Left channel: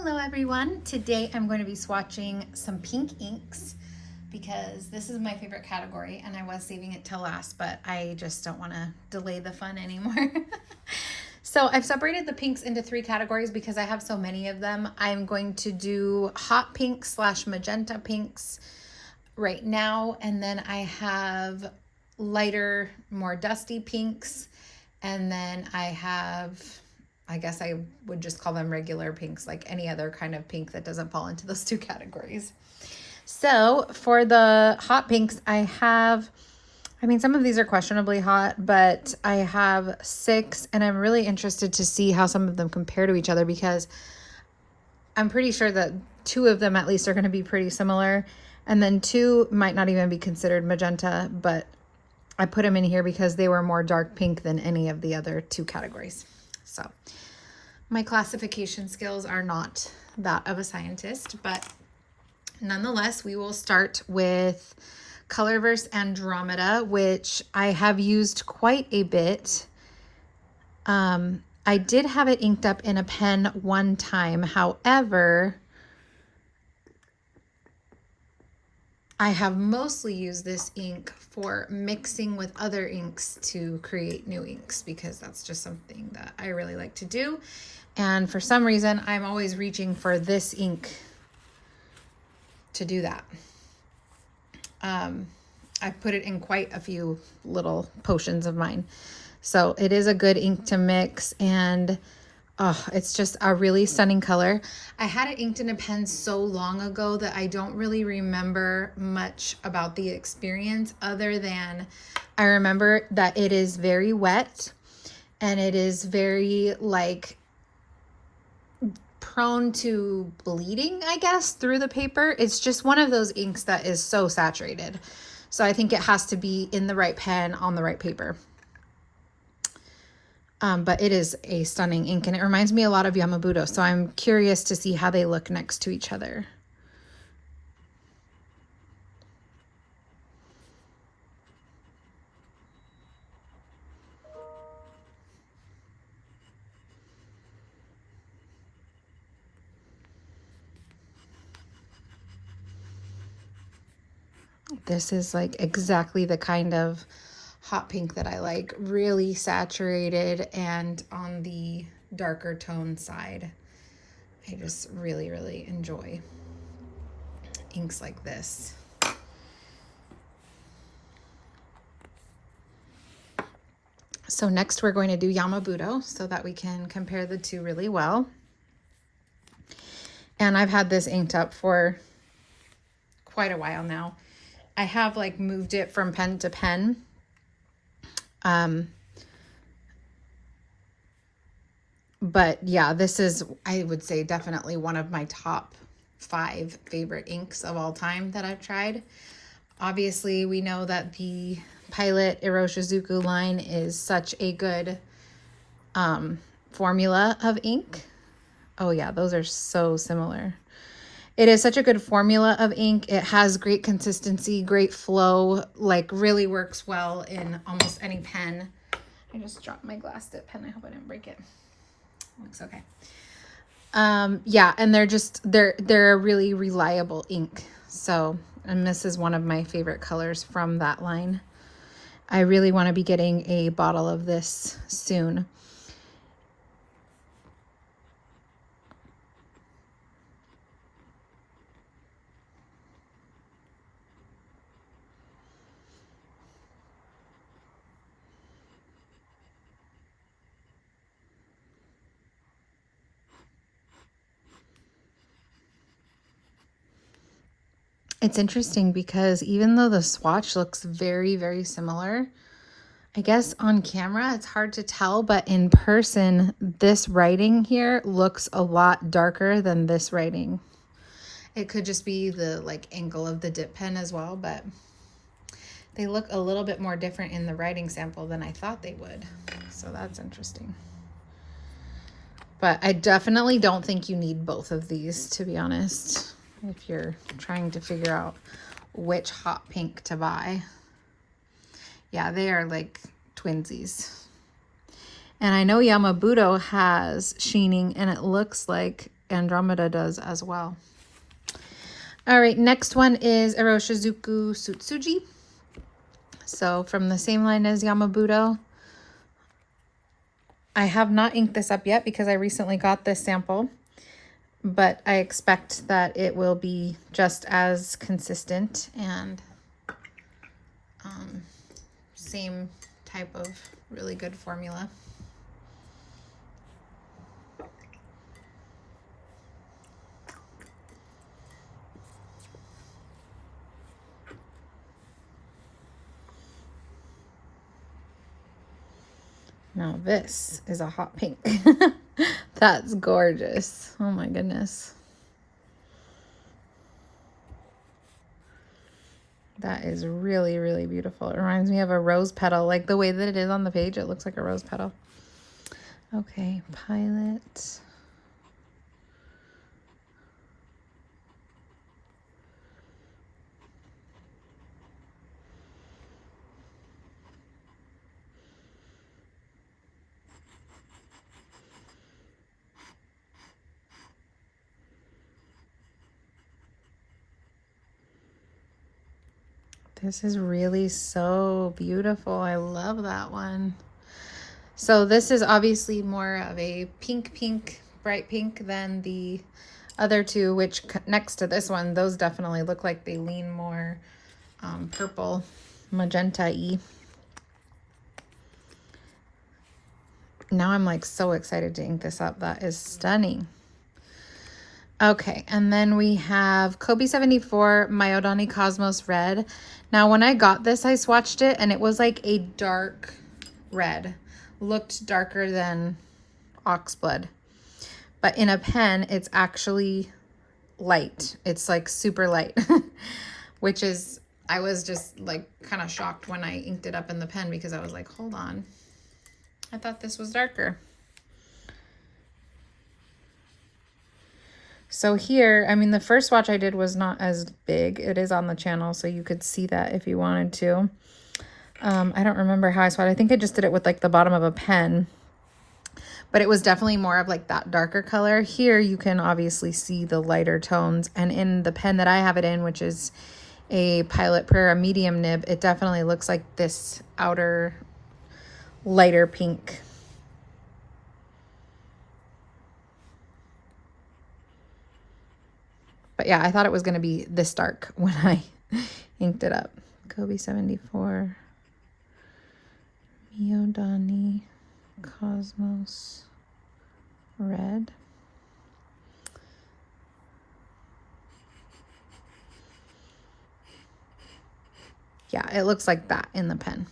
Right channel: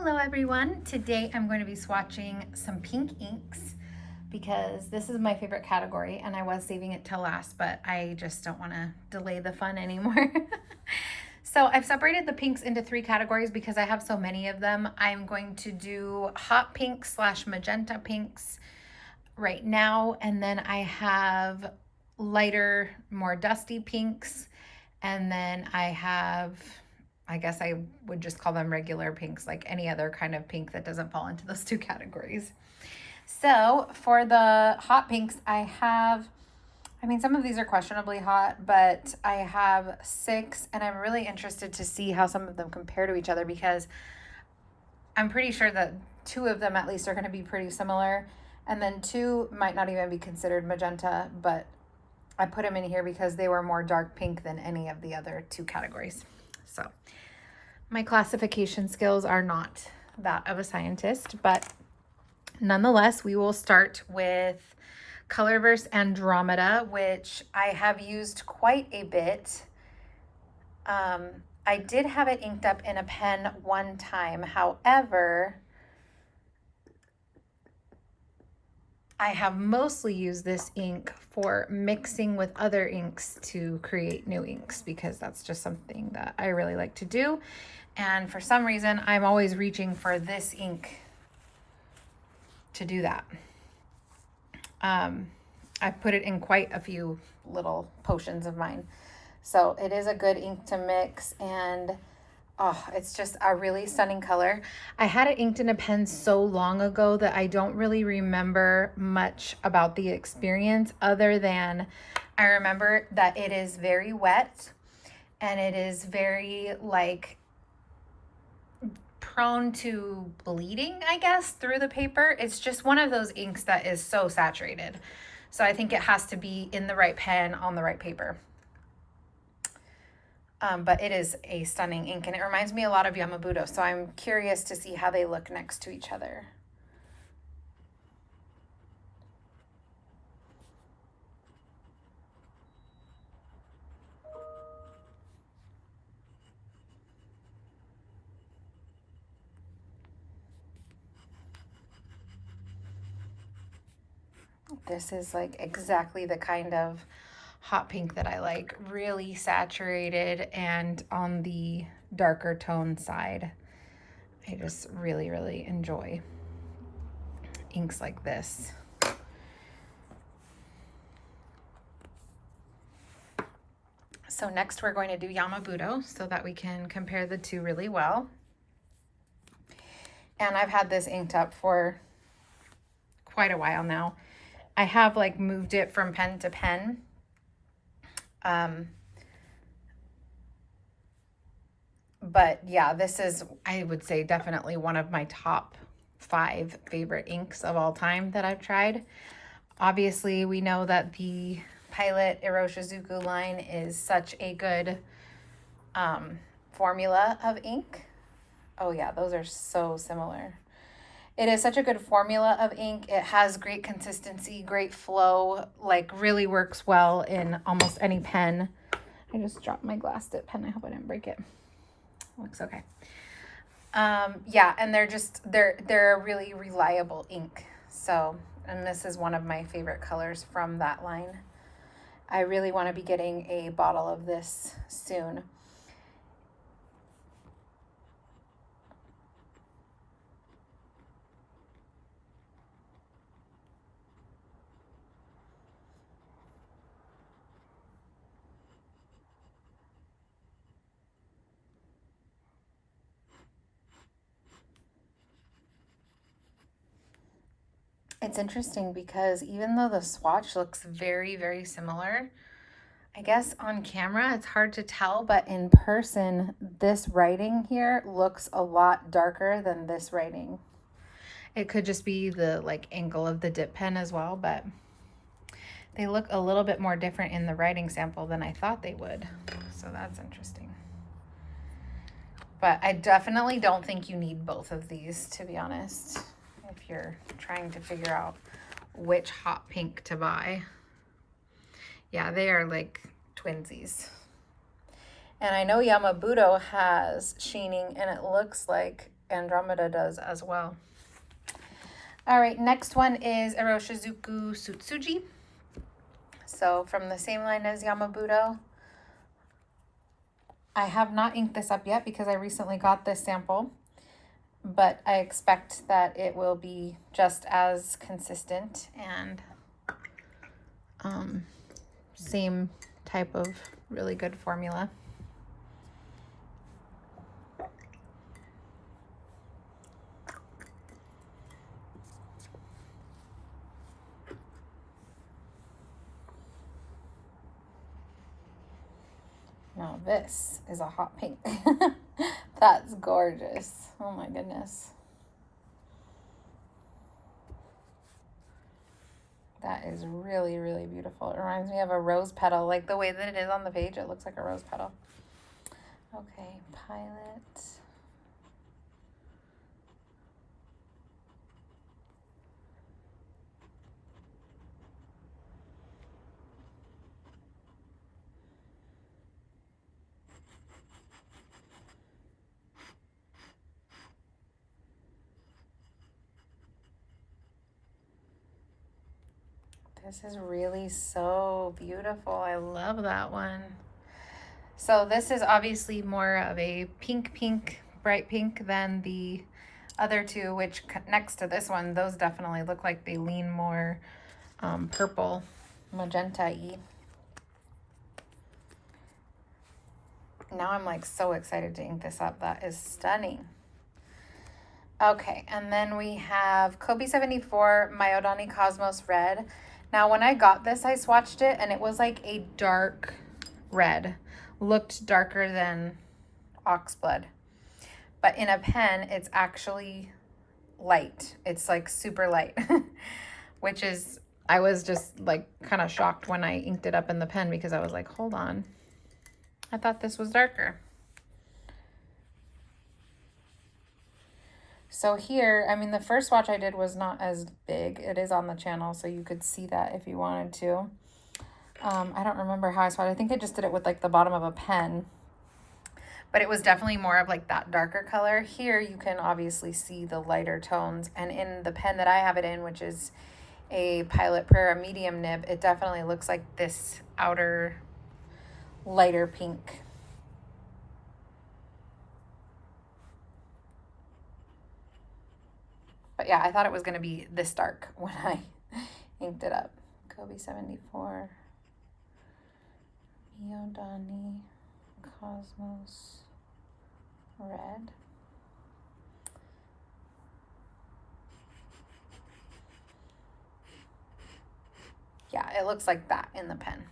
Hello everyone. Today I'm going to be swatching some pink inks because this is my favorite category and I was saving it till last, but I just don't want to delay the fun anymore. So I've separated the pinks into 3 categories because I have so many of them. I'm going to do hot pinks / magenta pinks right now, and then I have lighter, more dusty pinks, and then I have, I guess I would just call them regular pinks, like any other kind of pink that doesn't fall into those 2 categories. So for the hot pinks, some of these are questionably hot, but I have 6, and I'm really interested to see how some of them compare to each other because I'm pretty sure that 2 of them at least are going to be pretty similar, and then 2 might not even be considered magenta, but I put them in here because they were more dark pink than any of the other 2 categories. So my classification skills are not that of a scientist, but nonetheless, we will start with Colorverse Andromeda, which I have used quite a bit. I did have it inked up in a pen one time. However, I have mostly used this ink for mixing with other inks to create new inks because that's just something that I really like to do. And for some reason, I'm always reaching for this ink to do that. I've put it in quite a few little potions of mine. So it is a good ink to mix, and it's just a really stunning color. I had it inked in a pen so long ago that I don't really remember much about the experience other than I remember that it is very wet and it is very prone to bleeding, I guess, through the paper. It's just one of those inks that is so saturated. So I think it has to be in the right pen on the right paper. But it is a stunning ink, and it reminds me a lot of Yamabudo, so I'm curious to see how they look next to each other. This is like exactly the kind of hot pink that I like, really saturated and on the darker tone side. I just really, really enjoy inks like this. So next we're going to do Yamabudo so that we can compare the 2 really well. And I've had this inked up for quite a while now. I have moved it from pen to pen. But yeah, this is, I would say, definitely one of my top 5 favorite inks of all time that I've tried. Obviously, we know that the Pilot Iroshizuku line is such a good formula of ink. Oh yeah, those are so similar. It is such a good formula of ink. It has great consistency, great flow, really works well in almost any pen. I just dropped my glass dip pen. I hope I didn't break it. Looks okay. Yeah, and they're a really reliable ink. So, and this is one of my favorite colors from that line. I really want to be getting a bottle of this soon. It's interesting because even though the swatch looks very, very similar, I guess on camera it's hard to tell, but in person, this writing here looks a lot darker than this writing. It could just be the angle of the dip pen as well, but they look a little bit more different in the writing sample than I thought they would. So that's interesting. But I definitely don't think you need both of these, to be honest, if you're trying to figure out which hot pink to buy. Yeah, they are like twinsies. And I know Yamabudo has sheening, and it looks like Andromeda does as well. All right, next one is Iroshizuku Sutsuji. So from the same line as Yamabudo. I have not inked this up yet because I recently got this sample, but I expect that it will be just as consistent and same type of really good formula. Now this is a hot pink. That's gorgeous. Oh my goodness. That is really, really beautiful. It reminds me of a rose petal. Like the way that it is on the page, it looks like a rose petal. Okay, Pilot. This is really so beautiful. I love that one. So this is obviously more of a pink, bright pink than the other two, which next to this one, those definitely look like they lean more purple, magenta-y. Now I'm like so excited to ink this up. That is stunning. Okay, and then we have Kobe 74 Myodani Cosmos Red. Now when I got this, I swatched it and it was like a dark red. Looked darker than oxblood. But in a pen, it's actually light. It's like super light, which is, I was just like kind of shocked when I inked it up in the pen because I was like, hold on. I thought this was darker. So here, I mean, the first swatch I did was not as big. It is on the channel, so you could see that if you wanted to. I don't remember how I swatched. I think I just did it with like the bottom of a pen, but it was definitely more of like that darker color. Here you can obviously see the lighter tones, and in the pen that I have it in, which is a Pilot Prera medium nib, it definitely looks like this outer lighter pink. But yeah, I thought it was going to be this dark when I inked it up. Kobe 74, Myodani Cosmos Red. Yeah, it looks like that in the pen,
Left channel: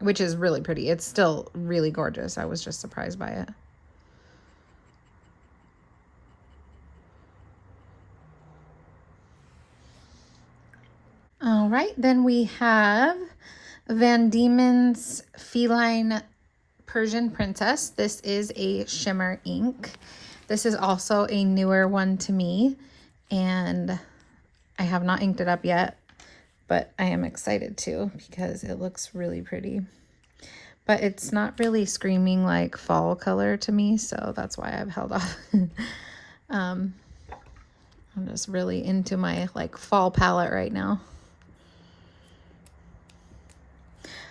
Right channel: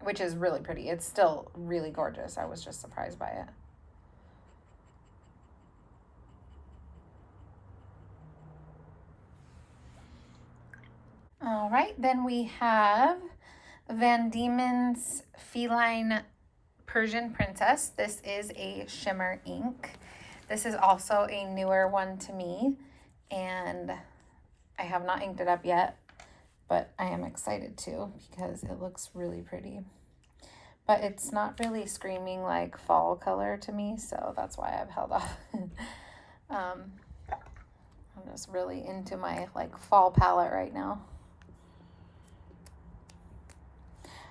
which is really pretty. It's still really gorgeous. I was just surprised by it. All right, then we have Van Diemen's Feline Persian Princess. This is a shimmer ink. This is also a newer one to me, and I have not inked it up yet, but I am excited to because it looks really pretty. But it's not really screaming like fall color to me, so that's why I've held off. I'm just really into my like fall palette right now.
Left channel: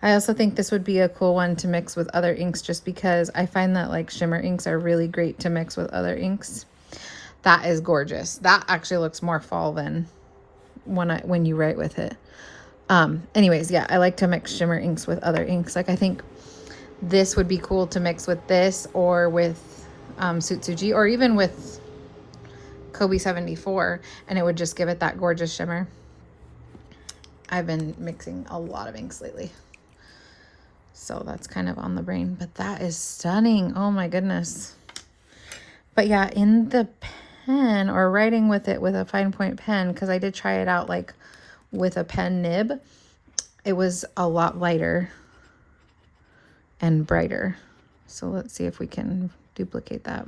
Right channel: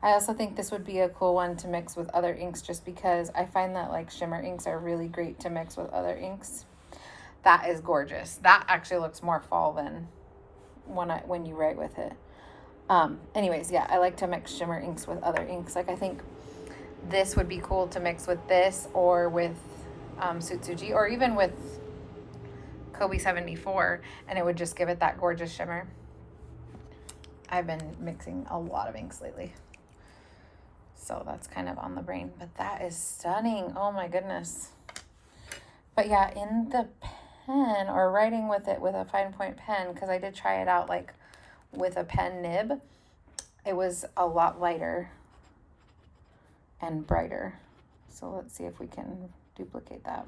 I also think this would be a cool one to mix with other inks, just because I find that like shimmer inks are really great to mix with other inks. That is gorgeous. That actually looks more fall than when you write with it. Anyways, yeah, I like to mix shimmer inks with other inks. Like I think this would be cool to mix with this or with Sutsuji, or even with Kobe 74, and it would just give it that gorgeous shimmer. I've been mixing a lot of inks lately, so that's kind of on the brain, but that is stunning. Oh my goodness. But yeah, in the pen or writing with it with a fine point pen, because I did try it out like with a pen nib, it was a lot lighter and brighter. So let's see if we can duplicate that.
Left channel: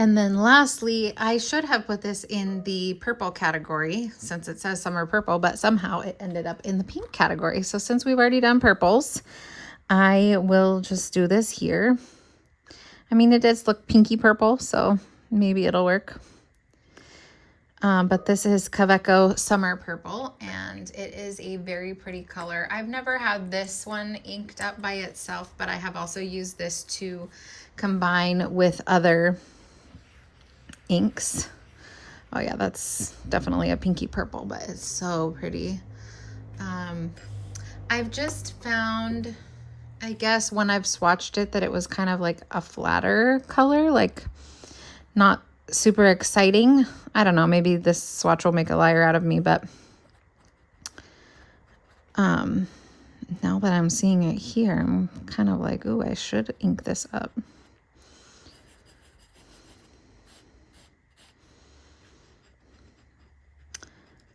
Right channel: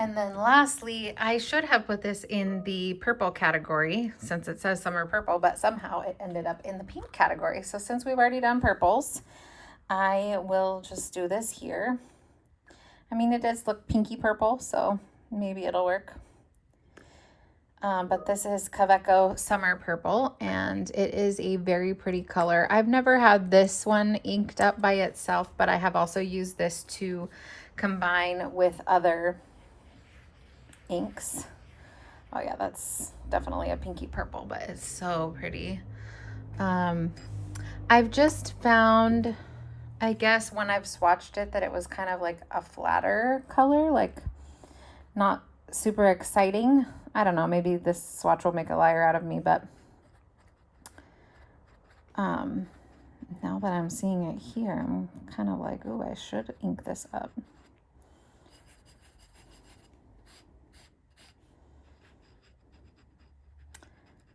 And then lastly, I should have put this in the purple category since it says summer purple, but somehow it ended up in the pink category. So since we've already done purples, I will just do this here. I mean, it does look pinky purple, so maybe it'll work. But this is Kaweco Summer Purple, and it is a very pretty color. I've never had this one inked up by itself, but I have also used this to combine with other inks. Oh yeah, that's definitely a pinky purple, but it's so pretty. I've just found, I guess when I've swatched it, that it was kind of like a flatter color, like not super exciting. I don't know, maybe this swatch will make a liar out of me, but now that I'm seeing it here, I'm kind of like, oh, I should ink this up.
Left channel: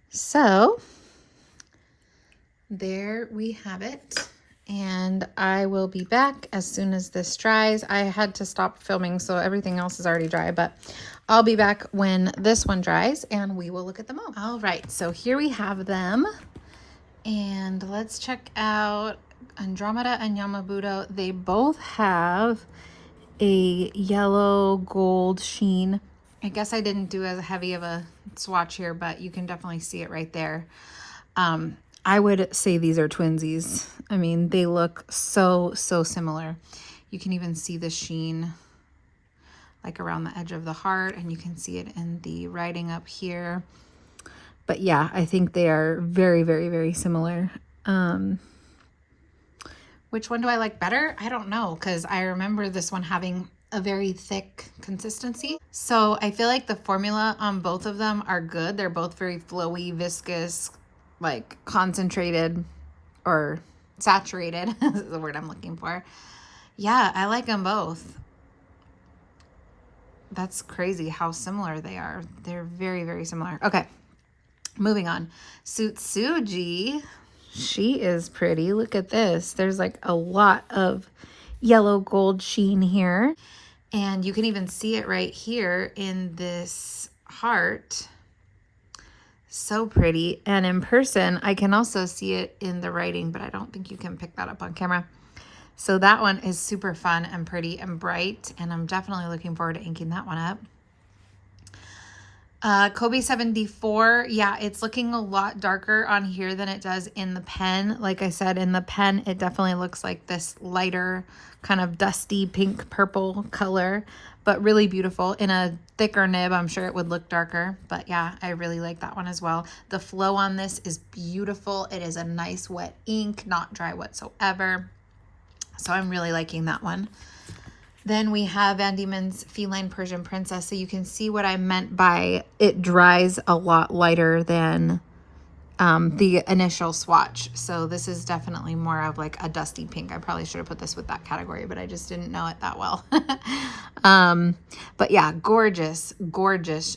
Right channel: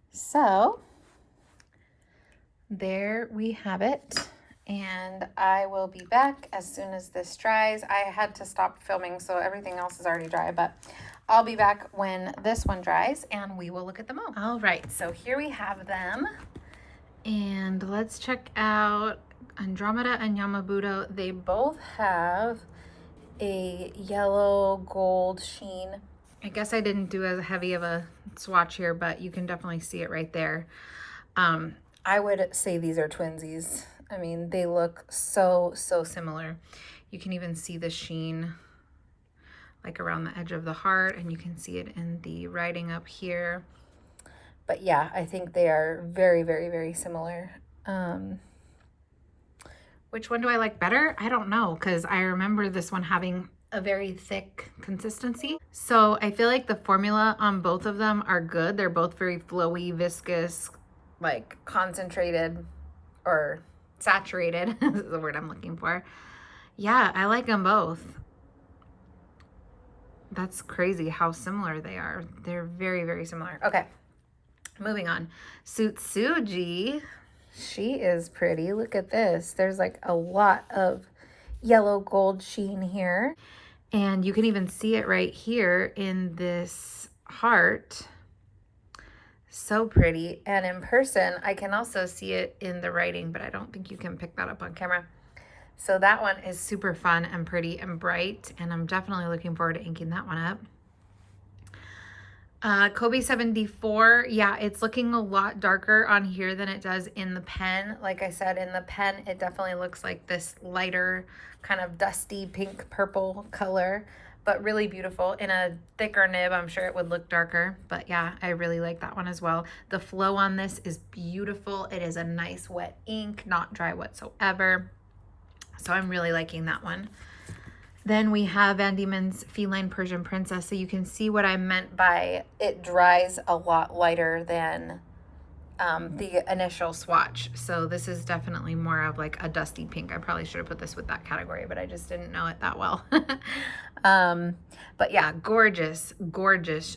So there we have it, and I will be back as soon as this dries. I had to stop filming, so everything else is already dry, but I'll be back when this one dries and we will look at them all. All right, so here we have them, and let's check out Andromeda and Yamabudo. They both have a yellow gold sheen. I guess I didn't do as heavy of a swatch here, but you can definitely see it right there. I would say these are twinsies. I mean, they look so similar. You can even see the sheen like around the edge of the heart, and you can see it in the writing up here. But yeah, I think they are very similar. Which one do I like better? I don't know, because I remember this one having a very thick consistency. So I feel like the formula on both of them are good. They're both very flowy, viscous, like concentrated or saturated is the word I'm looking for. Yeah, I like them both. That's crazy how similar they are. They're very similar. Okay, moving on. Sutsuji, she is pretty. Look at this. There's like a lot of yellow gold sheen here. And you can even see it right here in this heart. So pretty. And in person, I can also see it in the writing, but I don't think you can pick that up on camera. So that one is super fun and pretty and bright, and I'm definitely looking forward to inking that one up. Kobe 74, yeah, it's looking a lot darker on here than it does in the pen. Like I said, in the pen, it definitely looks like this lighter kind of dusty pink purple color, but really beautiful. In a thicker nib, I'm sure it would look darker, but yeah, I really like that one as well. The flow on this is beautiful. It is a nice wet ink, not dry whatsoever. So I'm really liking that one. Then we have Van Diemen's Feline Persian Princess. So you can see what I meant by it dries a lot lighter than the initial swatch. So this is definitely more of like a dusty pink. I probably should have put this with that category, but I just didn't know it that well. But yeah, gorgeous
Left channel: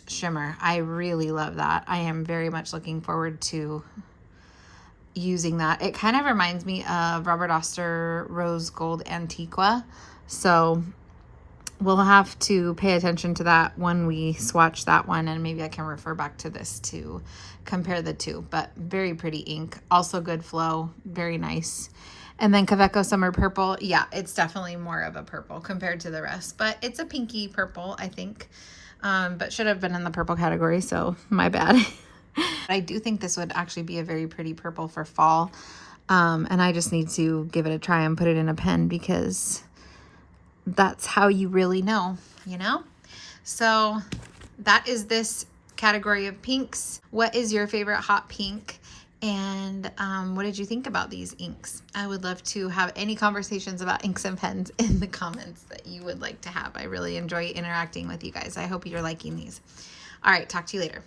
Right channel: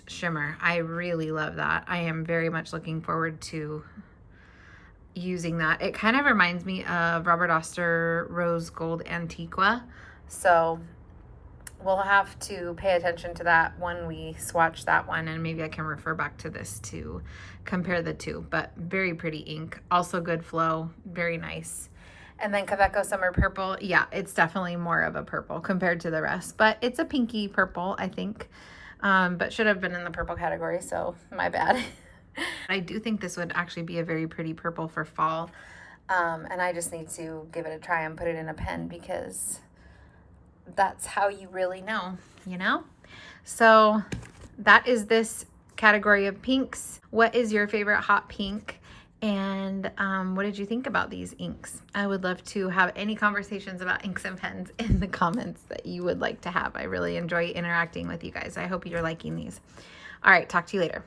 shimmer. I really love that. I am very much looking forward to using that. It kind of reminds me of Robert Oster Rose Gold Antiqua. So we'll have to pay attention to that when we swatch that one, and maybe I can refer back to this to compare the two. But very pretty ink, also good flow, very nice. And then Kaweco Summer Purple, yeah, it's definitely more of a purple compared to the rest, but it's a pinky purple, I think, but should have been in the purple category, so my bad. I do think this would actually be a very pretty purple for fall, and I just need to give it a try and put it in a pen, because that's how you really know, you know? So that is this category of pinks. What is your favorite hot pink? And what did you think about these inks? I would love to have any conversations about inks and pens in the comments that you would like to have. I really enjoy interacting with you guys. I hope you're liking these. All right, talk to you later.